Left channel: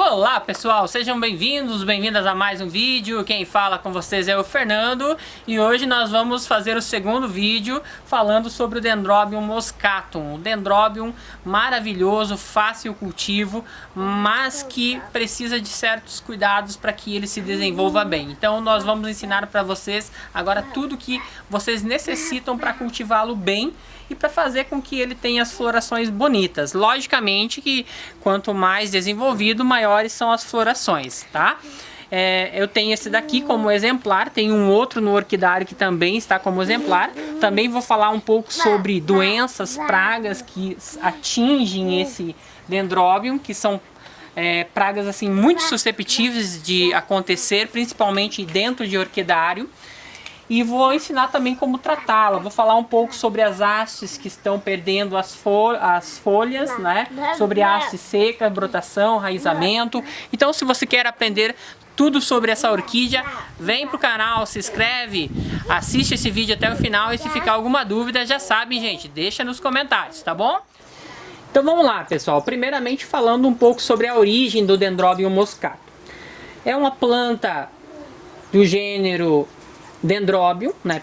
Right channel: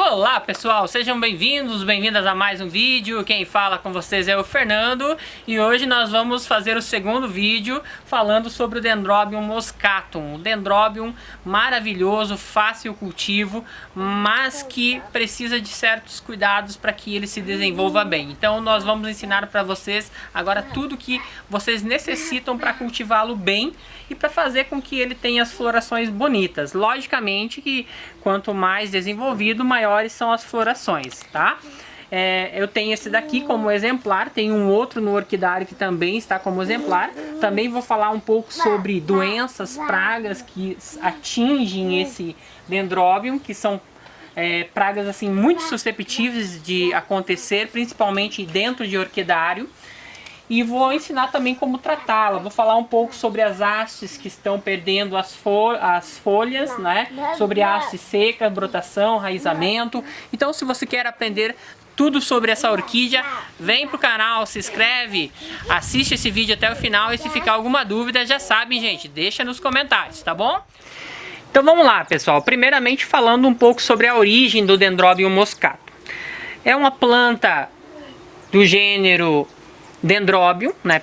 Olá pessoal, sejam bem-vindos, bem-vindas a mais um vídeo. Quem fala com vocês é o Fernando e hoje nós vamos fazer o segundo vídeo falando sobre o Dendrobium moscatum. Um Dendrobium maravilhoso, fácil cultivo, mas que precisa de certos cuidados para que ele se desenvolva bem. Então nós vamos ensinar para vocês agora tudo que vocês necessitam para cultivá-lo bem e para fazer com que ele tenha as florações bonitas. Logicamente que quanto mais desenvolvido, maiores são as florações, tá? Eu tenho esse daqui como exemplar, tem um outro no orquidário que também está como exemplar. Também vou falar um pouco sobre doenças, pragas que atingem esse Dendrobium, que são pragas assim muito susceptíveis de acontecer, principalmente dentro de orquidário. E vou ensinar também como tratá-la. Vou falar um pouco sobre as hastes que estão perdendo as folhas, né? Sobre haste seca, brotação, raizamento. Então, se você quer aprender tudo sobre essa orquídea, vem pro canal, se inscreve, assiste esse vídeo até o final e se ficar alguma dúvida, já sabem, gente, deixa nos comentários, tá bom? Então vamos lá, pessoal. Primeiramente falando um pouco sobre a origem do Dendrobium moscatum. É uma planta do gênero Dendrobium, né,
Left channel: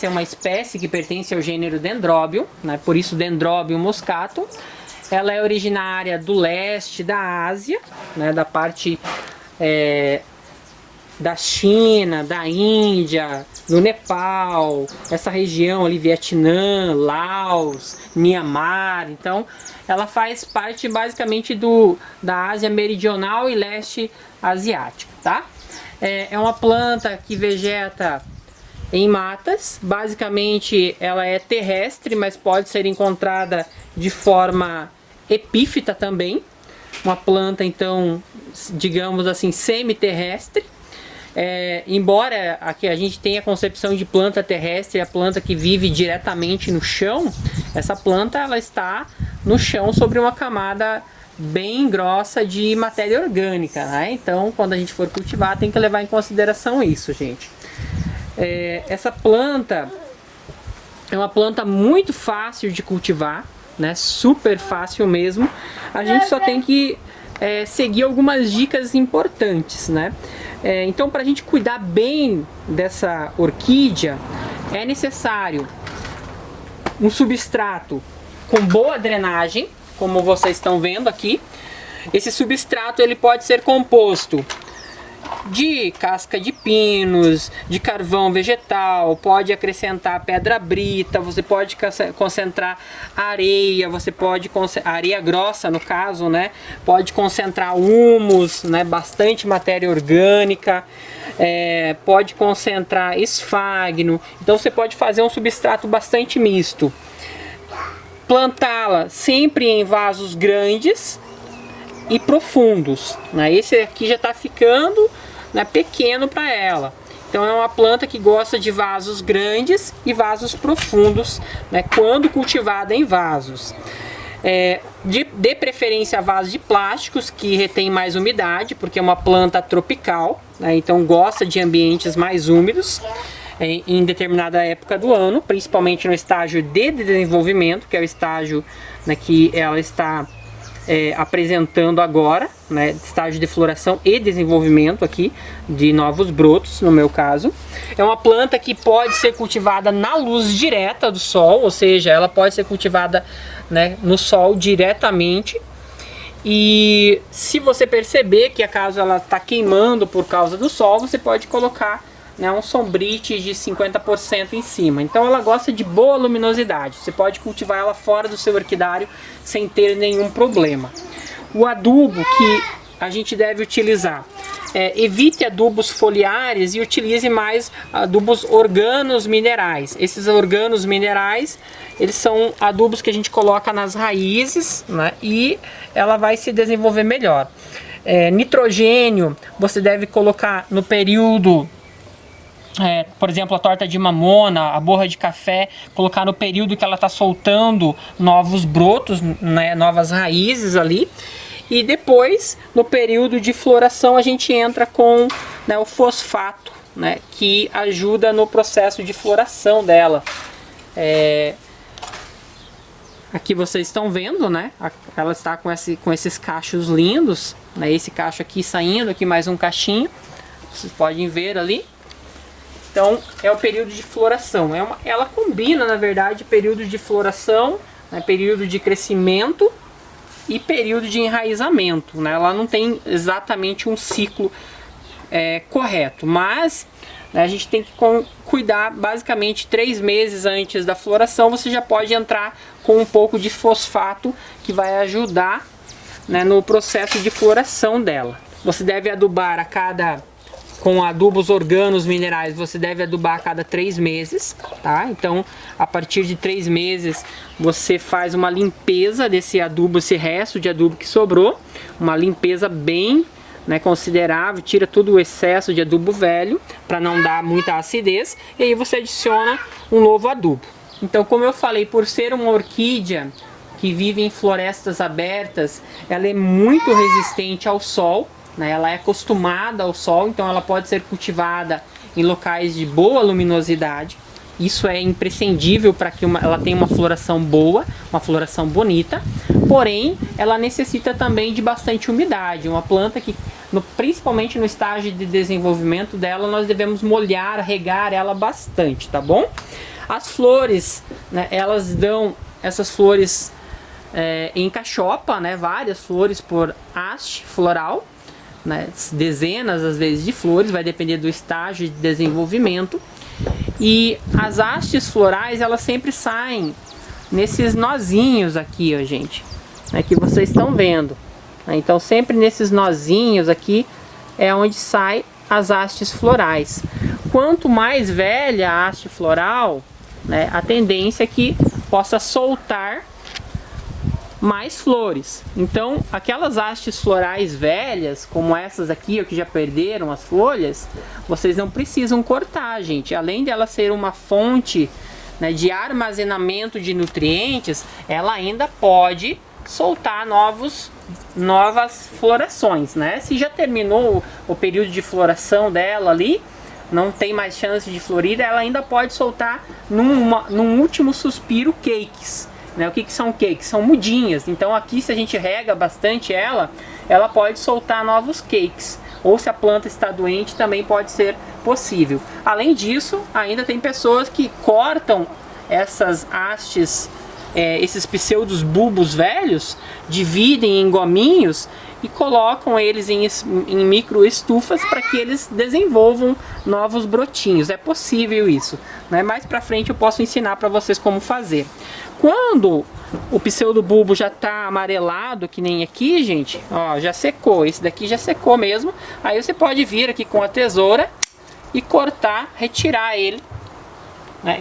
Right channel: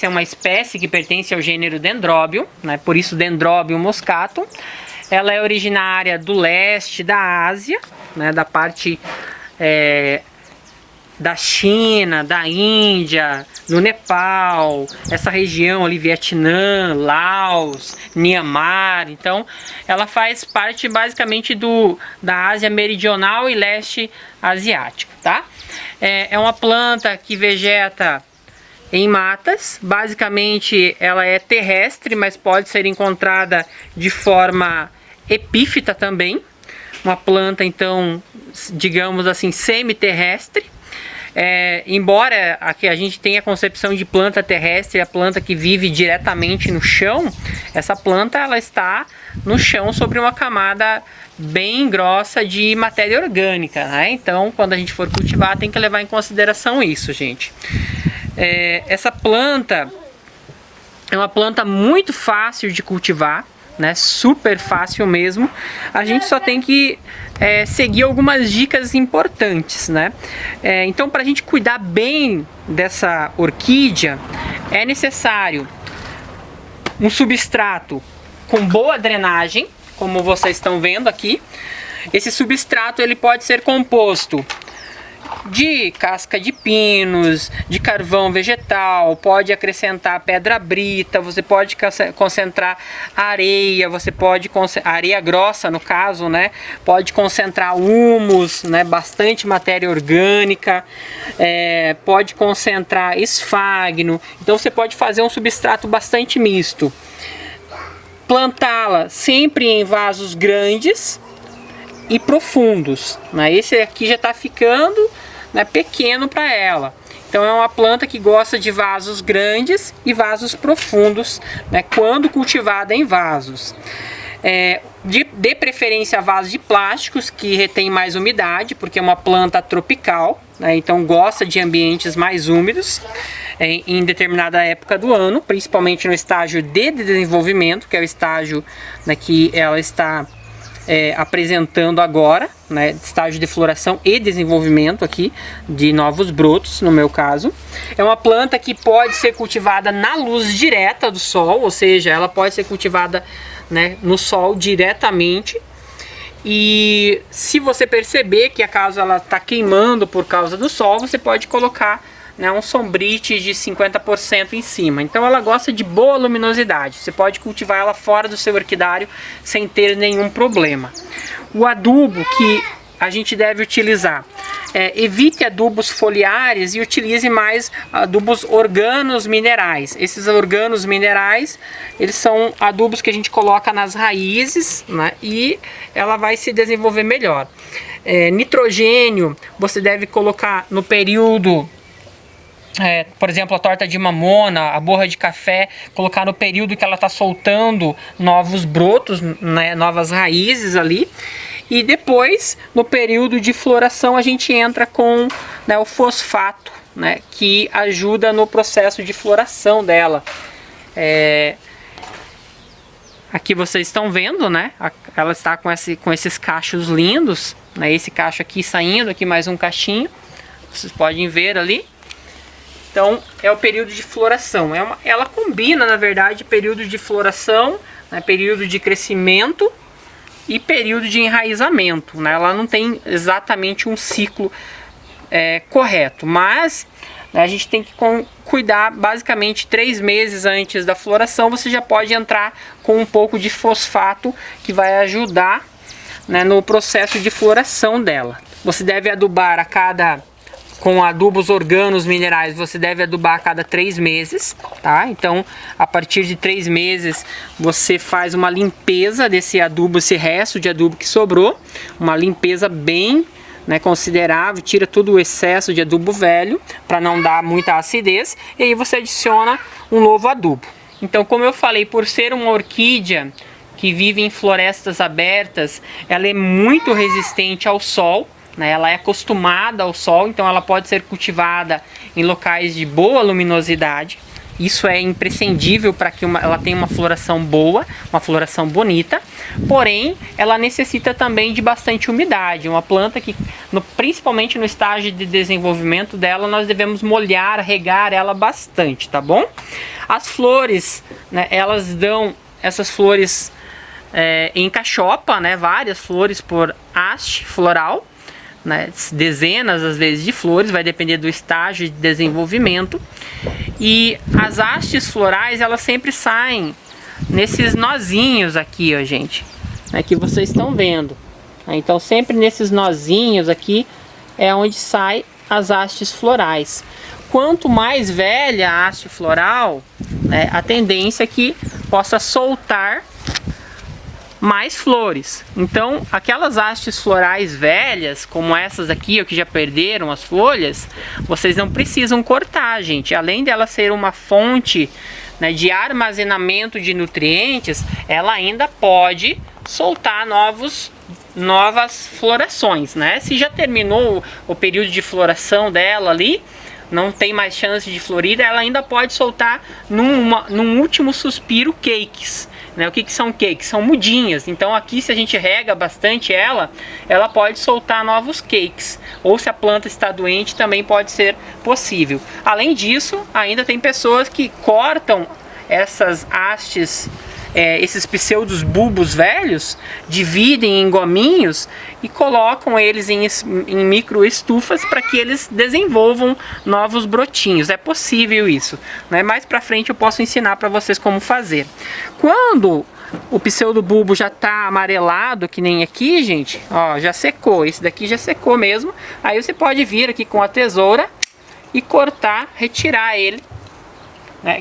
é uma espécie que pertence ao gênero Dendrobium, né, por isso Dendrobium moscatum. Ela é originária do leste da Ásia, né, da parte da China, da Índia, do Nepal, essa região ali, Vietnã, Laos, Myanmar. Então ela faz parte basicamente da Ásia meridional e leste asiático, tá? É uma planta que vegeta em matas. Basicamente ela é terrestre, mas pode ser encontrada de forma epífita também. Uma planta então, digamos assim, semi-terrestre. Embora aqui a gente tenha a concepção de planta terrestre, a planta que vive diretamente no chão, essa planta ela está no chão sobre uma camada bem grossa de matéria orgânica, né? Então quando a gente for cultivar tem que levar em consideração isso, gente. Essa planta é uma planta muito fácil de cultivar, né? Super fácil mesmo. A gente só tem que seguir algumas dicas importantes, né? Então para a gente cuidar bem dessa orquídea é necessário um substrato com boa drenagem, como vocês estão vendo aqui. Esse substrato ele pode ser composto de casca de pinos, de carvão vegetal, pode acrescentar pedra brita, você pode concentrar areia, você pode areia grossa no caso, né? Pode concentrar humus, né? Bastante matéria orgânica, pode concentrar esfagno. Então você pode fazer um substrato bastante misto. Plantá-la sempre em vasos grandes e profundos, né? Esse aqui já está ficando, né, pequeno para ela. Então é uma planta que gosta de vasos grandes e vasos profundos, né, quando cultivada em vasos. De preferência vasos de plásticos que retém mais umidade, porque é uma planta tropical, né, então gosta de ambientes mais úmidos em determinada época do ano, principalmente no estágio de desenvolvimento, que é o estágio, né, que ela está apresentando agora, né, estágio de floração e desenvolvimento aqui de novos brotos, no meu caso. É uma planta que pode ser cultivada na luz direta do sol, ou seja, ela pode ser cultivada, né, no sol diretamente. E se você perceber que acaso ela está queimando por causa do sol, você pode colocar, né, um sombrite de 50% em cima. Então ela gosta de boa luminosidade. Você pode cultivar ela fora do seu orquidário sem ter nenhum problema. O adubo que a gente deve utilizar: evite adubos foliares e utilize mais adubos organos minerais. Esses organos minerais, eles são adubos que a gente coloca nas raízes, né, e ela vai se desenvolver melhor. Nitrogênio você deve colocar no período, por exemplo, a torta de mamona, a borra de café, colocar no período que ela está soltando novos brotos, né, novas raízes ali. E depois, no período de floração, a gente entra com, né, o fosfato, né, que ajuda no processo de floração dela. Aqui vocês estão vendo, né? Ela está com esses cachos lindos, né? Esse cacho aqui saindo, aqui mais um cachinho, vocês podem ver ali. Então é o período de floração. Ela combina, na verdade, período de floração, né, período de crescimento e período de enraizamento, né? Ela não tem exatamente um ciclo correto, mas, né, a gente tem que cuidar basicamente 3 meses antes da floração. Você já pode entrar com um pouco de fosfato que vai ajudar, né, no processo de floração dela. Você deve adubar com adubos organos minerais, você deve adubar a cada 3 meses, tá? Então, a partir de 3 meses, você faz uma limpeza desse adubo, esse resto de adubo que sobrou, uma limpeza bem, né, considerável, tira todo o excesso de adubo velho, para não dar muita acidez, e aí você adiciona um novo adubo. Então, como eu falei, por ser uma orquídea que vive em florestas abertas, ela é muito resistente ao sol, né? Ela é acostumada ao sol, então ela pode ser cultivada em locais de boa luminosidade. Isso é imprescindível para que ela tenha uma floração boa, uma floração bonita. Porém, ela necessita também de bastante umidade. Uma planta que, principalmente no estágio de desenvolvimento dela, nós devemos molhar, regar ela bastante, tá bom? As flores, né, elas dão essas flores em cachopa, né, várias flores por haste floral, né, dezenas às vezes de flores, vai depender do estágio de desenvolvimento. E as hastes florais, elas sempre saem nesses nozinhos aqui, ó, gente, que vocês estão vendo. Então sempre nesses nozinhos aqui é onde sai as hastes florais. Quanto mais velha a haste floral, a tendência é que possa soltar mais flores. Então aquelas hastes florais velhas, como essas aqui, ó, que já perderam as folhas, vocês não precisam cortar, gente. Além dela ser uma fonte, né, de armazenamento de nutrientes, ela ainda pode soltar novas florações, né? Se já terminou o período de floração dela ali, não tem mais chance de florir, ela ainda pode soltar num último suspiro cakes. O que são cakes? São mudinhas. Então aqui, se a gente rega bastante ela pode soltar novos cakes. Ou se a planta está doente, também pode ser possível. Além disso, ainda tem pessoas que cortam essas hastes, esses pseudos bulbos velhos, dividem em gominhos e colocam eles em micro estufas para que eles desenvolvam novos brotinhos. É possível isso, né? Mais para frente eu posso ensinar para vocês como fazer. Quando o pseudobulbo já está amarelado, que nem aqui, gente, ó, já secou. Esse daqui já secou mesmo. Aí você pode vir aqui com a tesoura e cortar, retirar ele.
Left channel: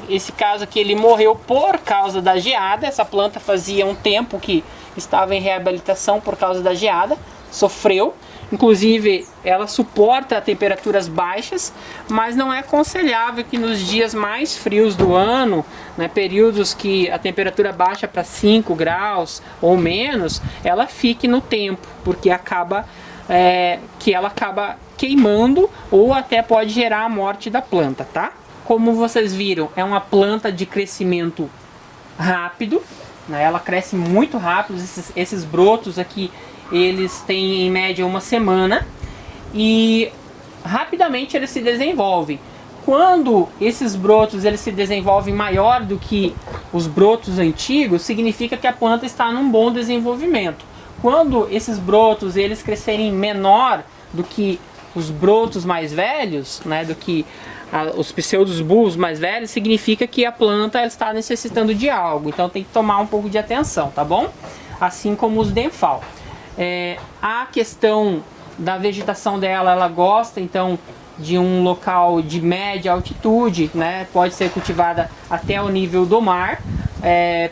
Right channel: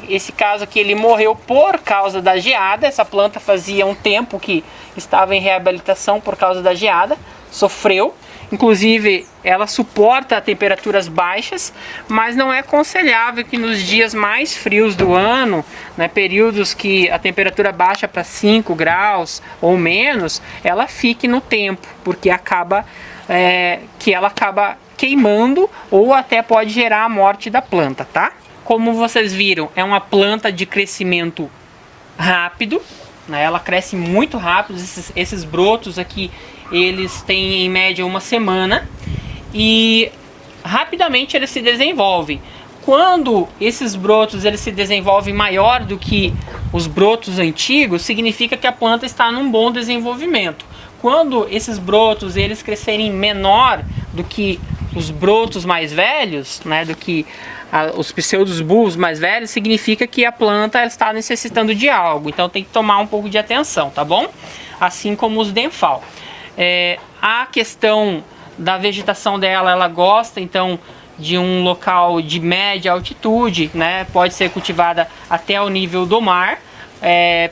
Esse caso aqui, ele morreu por causa da geada. Essa planta fazia um tempo que estava em reabilitação por causa da geada, sofreu. Inclusive, ela suporta temperaturas baixas, mas não é aconselhável que nos dias mais frios do ano, né, períodos que a temperatura baixa para 5 graus ou menos, ela fique no tempo, porque ela acaba queimando ou até pode gerar a morte da planta, tá? Como vocês viram, é uma planta de crescimento rápido, né? Ela cresce muito rápido. Esses brotos aqui, eles têm em média 1 semana e rapidamente eles se desenvolvem. Quando esses brotos eles se desenvolvem maior do que os brotos antigos, significa que a planta está num bom desenvolvimento. Quando esses brotos eles crescerem menor do que os brotos mais velhos, né, do que os pseudos bulbos mais velhos, significa que a planta está necessitando de algo. Então tem que tomar um pouco de atenção, tá bom? Assim como os Denfal. A questão da vegetação dela, ela gosta então de um local de média altitude, né? Pode ser cultivada até o nível do mar,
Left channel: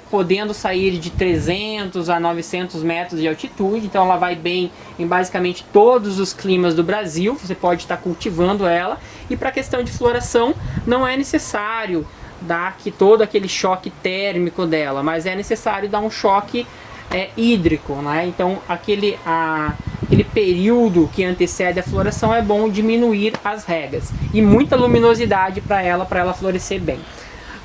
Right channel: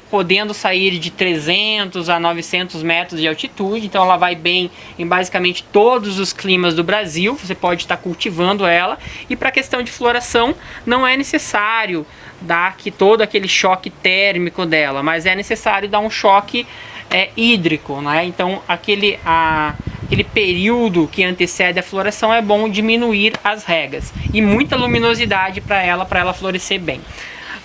podendo sair de 300 a 900 metros de altitude. Então ela vai bem em basicamente todos os climas do Brasil. Você pode estar cultivando ela. E para a questão de floração, não é necessário dar todo aquele choque térmico dela, mas é necessário dar um choque hídrico, né? Então aquele período que antecede a floração é bom diminuir as regas e muita luminosidade para ela florescer bem.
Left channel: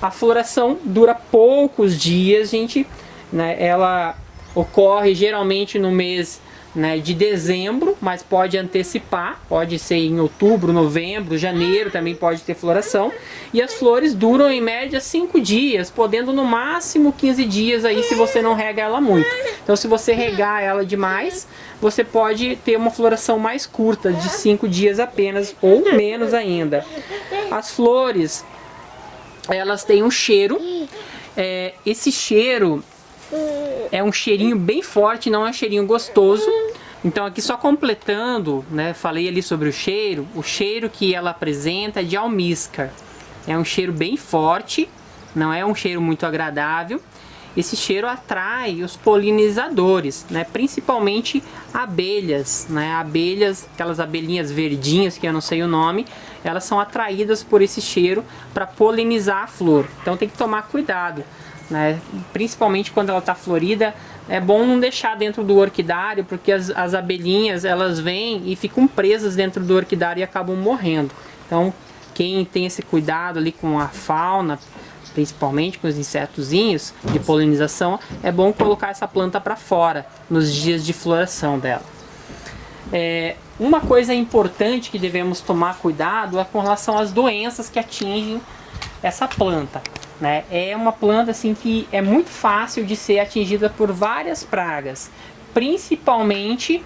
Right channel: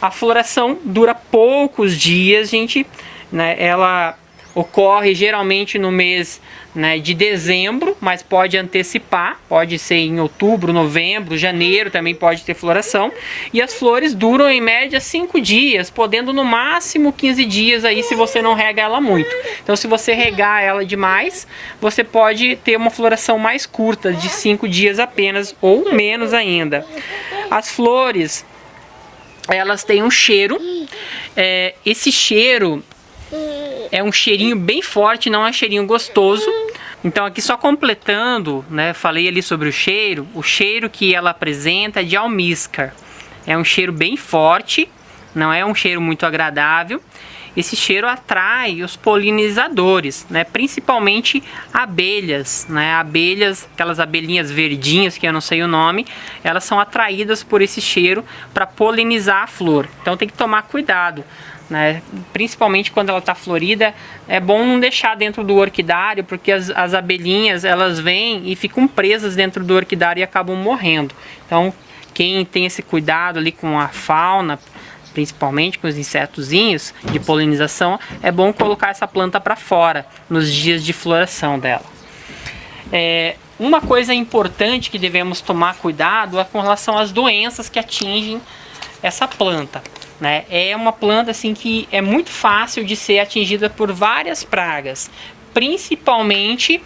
A floração dura poucos dias, gente, né? Ela ocorre geralmente no mês né, de dezembro, mas pode antecipar, pode ser em outubro, novembro, janeiro também pode ter floração, e as flores duram em média 5 dias, podendo no máximo 15 dias aí se você não rega ela muito. Então se você regar ela demais, você pode ter uma floração mais curta, de 5 dias apenas, ou menos ainda. As flores, elas têm um cheiro, esse cheiro é um cheirinho bem forte, não é um cheirinho gostoso. Então aqui só completando, né, falei ali sobre o cheiro que ela apresenta é de almíscar. É um cheiro bem forte, não é um cheiro muito agradável. Esse cheiro atrai os polinizadores, né, principalmente abelhas, né, abelhas, aquelas abelhinhas verdinhas que eu não sei o nome, elas são atraídas por esse cheiro para polinizar a flor. Então tem que tomar cuidado, né? Principalmente quando ela está florida, é bom não deixar dentro do orquidário, porque as abelhinhas elas vêm e ficam presas dentro do orquidário e acabam morrendo. Então quem tem esse cuidado ali com a fauna, principalmente com os insetozinhos de polinização, é bom colocar essa planta para fora nos dias de floração dela. Uma coisa importante que devemos tomar cuidado é com relação às doenças que atingem essa planta, né? É uma planta assim que é muito fácil de ser atingida por várias pragas, principalmente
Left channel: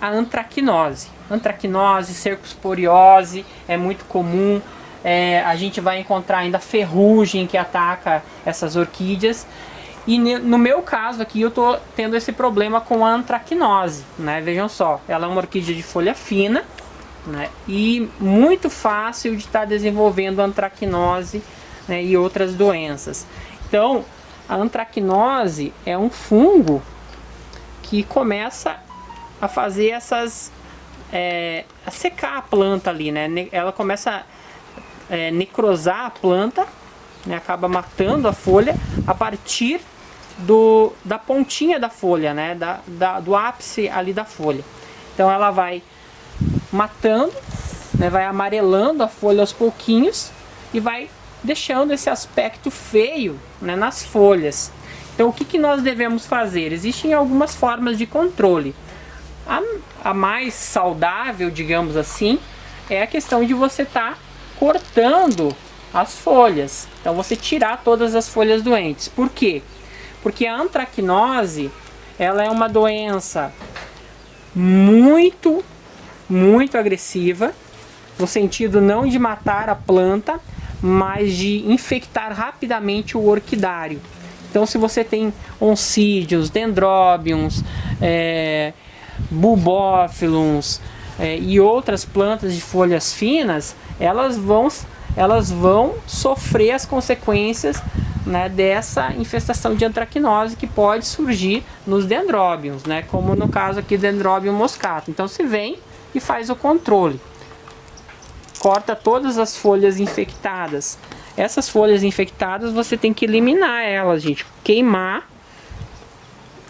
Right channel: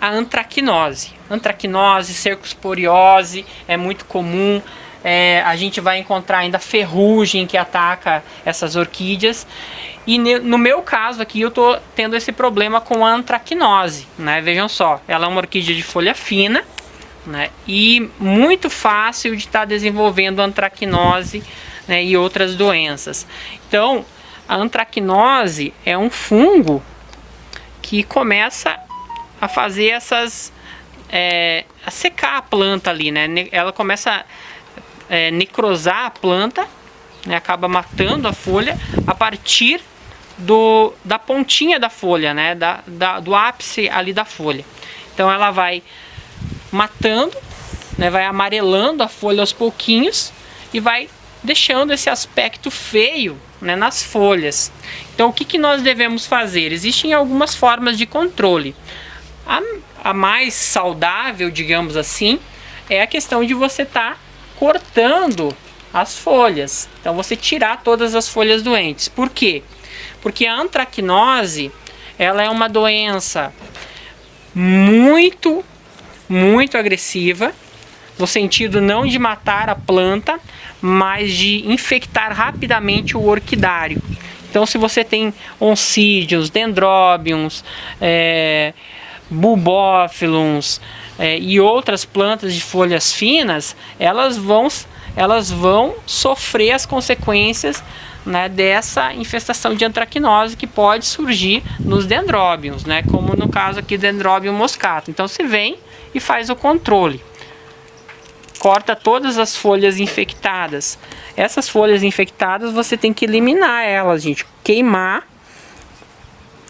a antracnose. Antracnose, cercosporiose é muito comum. A gente vai encontrar ainda ferrugem que ataca essas orquídeas. E no meu caso aqui eu tô tendo esse problema com a antracnose, né? Vejam só, ela é uma orquídea de folha fina, né, e muito fácil de estar desenvolvendo antracnose, né, e outras doenças. Então a antracnose é um fungo que começa a fazer essas a secar a planta ali, né? Ela começa a necrosar a planta, né? Acaba matando a folha a partir da pontinha da folha, né? Do ápice ali da folha. Então ela vai matando, né, vai amarelando a folha aos pouquinhos e vai deixando esse aspecto feio, né, nas folhas. Então o que nós devemos fazer? Existem algumas formas de controle. A mais saudável, digamos assim, é a questão de você estar cortando as folhas. Então você tirar todas as folhas doentes. Por quê? Porque a antracnose, ela é uma doença muito agressiva, no sentido não de matar a planta, mas de infectar rapidamente o orquidário. Então se você tem oncídios, dendróbions, bulbófilons e outras plantas de folhas finas, elas vão sofrer as consequências, né, dessa infestação de antracnose que pode surgir nos dendróbions, né, como no caso aqui do dendróbium moscato. Então você vem e faz o controle, corta todas as folhas infectadas. Essas folhas infectadas você tem que eliminar elas, gente, queimar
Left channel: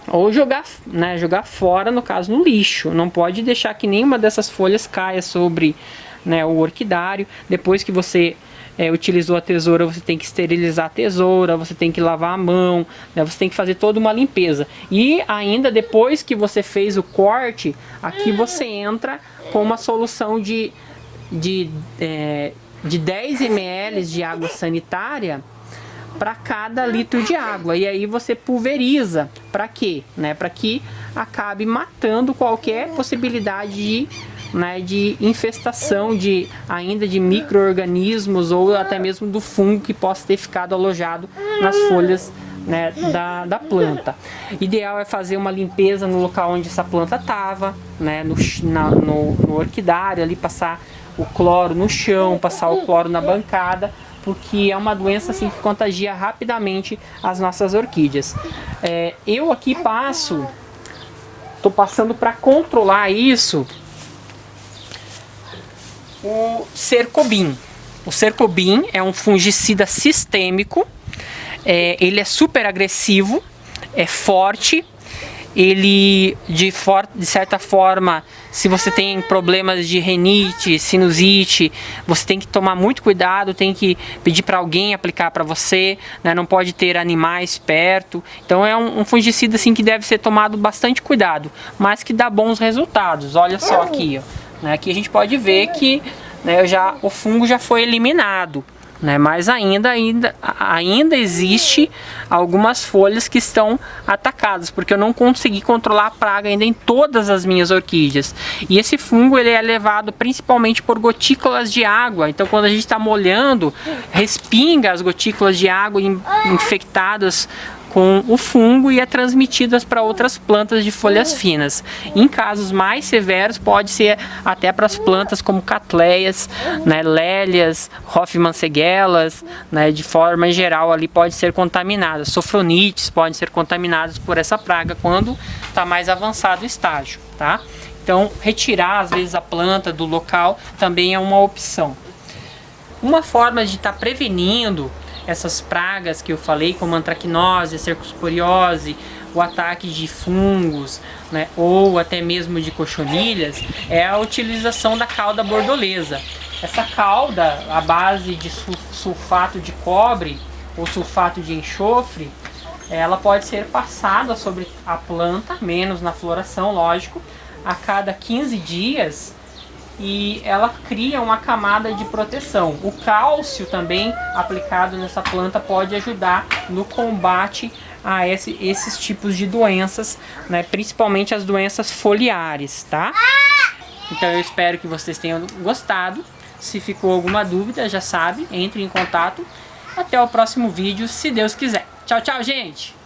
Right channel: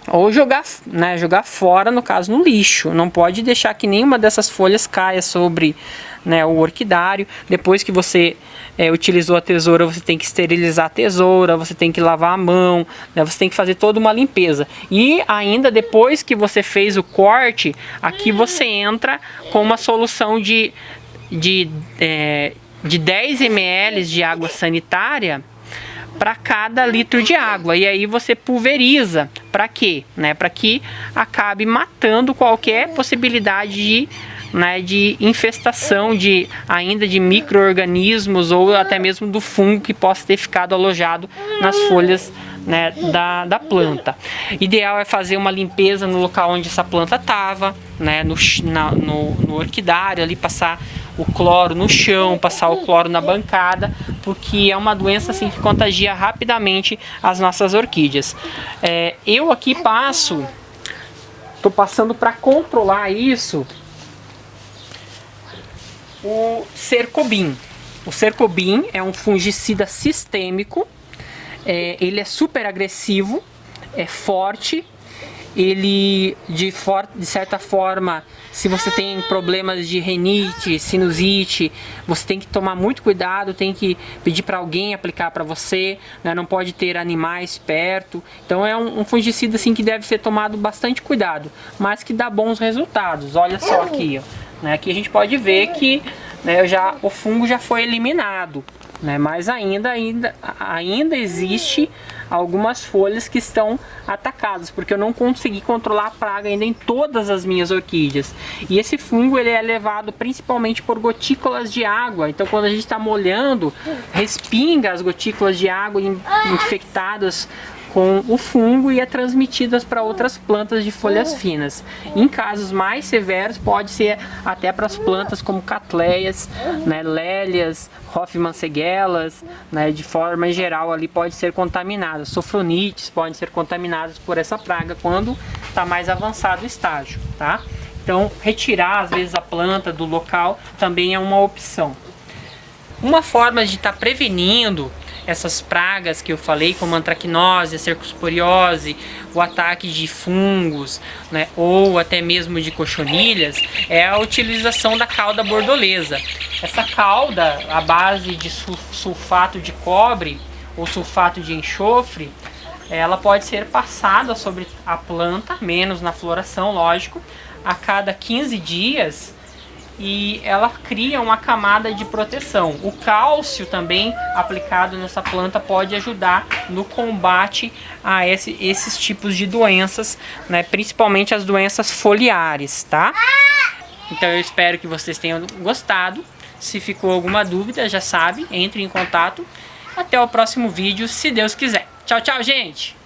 ou jogar, né, jogar fora, no caso no lixo. Não pode deixar que nenhuma dessas folhas caia sobre, né, o orquidário. Depois que você utilizou a tesoura, você tem que esterilizar a tesoura, você tem que lavar a mão, né, você tem que fazer toda uma limpeza. E ainda depois que você fez o corte, aqui você entra com uma solução de 10 ml de água sanitária para cada litro de água. E aí você pulveriza. Para quê? Né? Para que acabe matando qualquer possibilidade de infestação ainda de micro-organismos ou até mesmo do fungo que possa ter ficado alojado nas folhas, né, da planta. Ideal é fazer uma limpeza no local onde essa planta estava, né, no orquidário, ali passar o cloro no chão, passar o cloro na bancada, porque é uma doença assim que contagia rapidamente as nossas orquídeas. Eu aqui estou passando para controlar isso, o Cercobin. O Cercobin é um fungicida sistêmico, ele é super agressivo, é forte ele de certa forma, se você tem problemas de rinite, sinusite, você tem que tomar muito cuidado, tem que pedir para alguém aplicar para você, né? Não pode ter animais perto. Então é um fungicida assim que deve ser tomado bastante cuidado, mas que dá bons resultados. Olha só aqui, ó, né? Aqui a gente pode ver que, né, o fungo já foi eliminado, né? Mas ainda existe algumas folhas que estão atacadas, porque eu não consegui controlar a praga ainda em todas as minhas orquídeas. E esse fungo ele é levado principalmente por gotículas de água. Então quando a gente está molhando, respinga as gotículas de água infectadas com o fungo e é transmitidas para outras plantas de folhas finas. Em casos mais severos pode ser até para as plantas como catleias, né, lélias, hoffmannseggelas, né, de forma geral ali pode ser contaminadas. Sofronites podem ser contaminadas por essa praga quando está mais avançado o estágio, tá? Então retirar às vezes a planta do local também é uma opção. Uma forma de estar prevenindo essas pragas que eu falei, como antracnose, a cercosporiose, o ataque de fungos, né, ou até mesmo de cochonilhas, é a utilização da calda bordolesa. Essa calda, à base de sulfato de cobre ou sulfato de enxofre, ela pode ser passada sobre a planta, menos na floração, lógico, a cada 15 dias, e ela cria uma camada de proteção. O cálcio também aplicado nessa planta pode ajudar no combate a esses tipos de doenças, né, principalmente as doenças foliares, tá? Então eu espero que vocês tenham gostado. Se ficou alguma dúvida, já sabe, entre em contato. Até o próximo vídeo, se Deus quiser. Tchau, tchau, gente!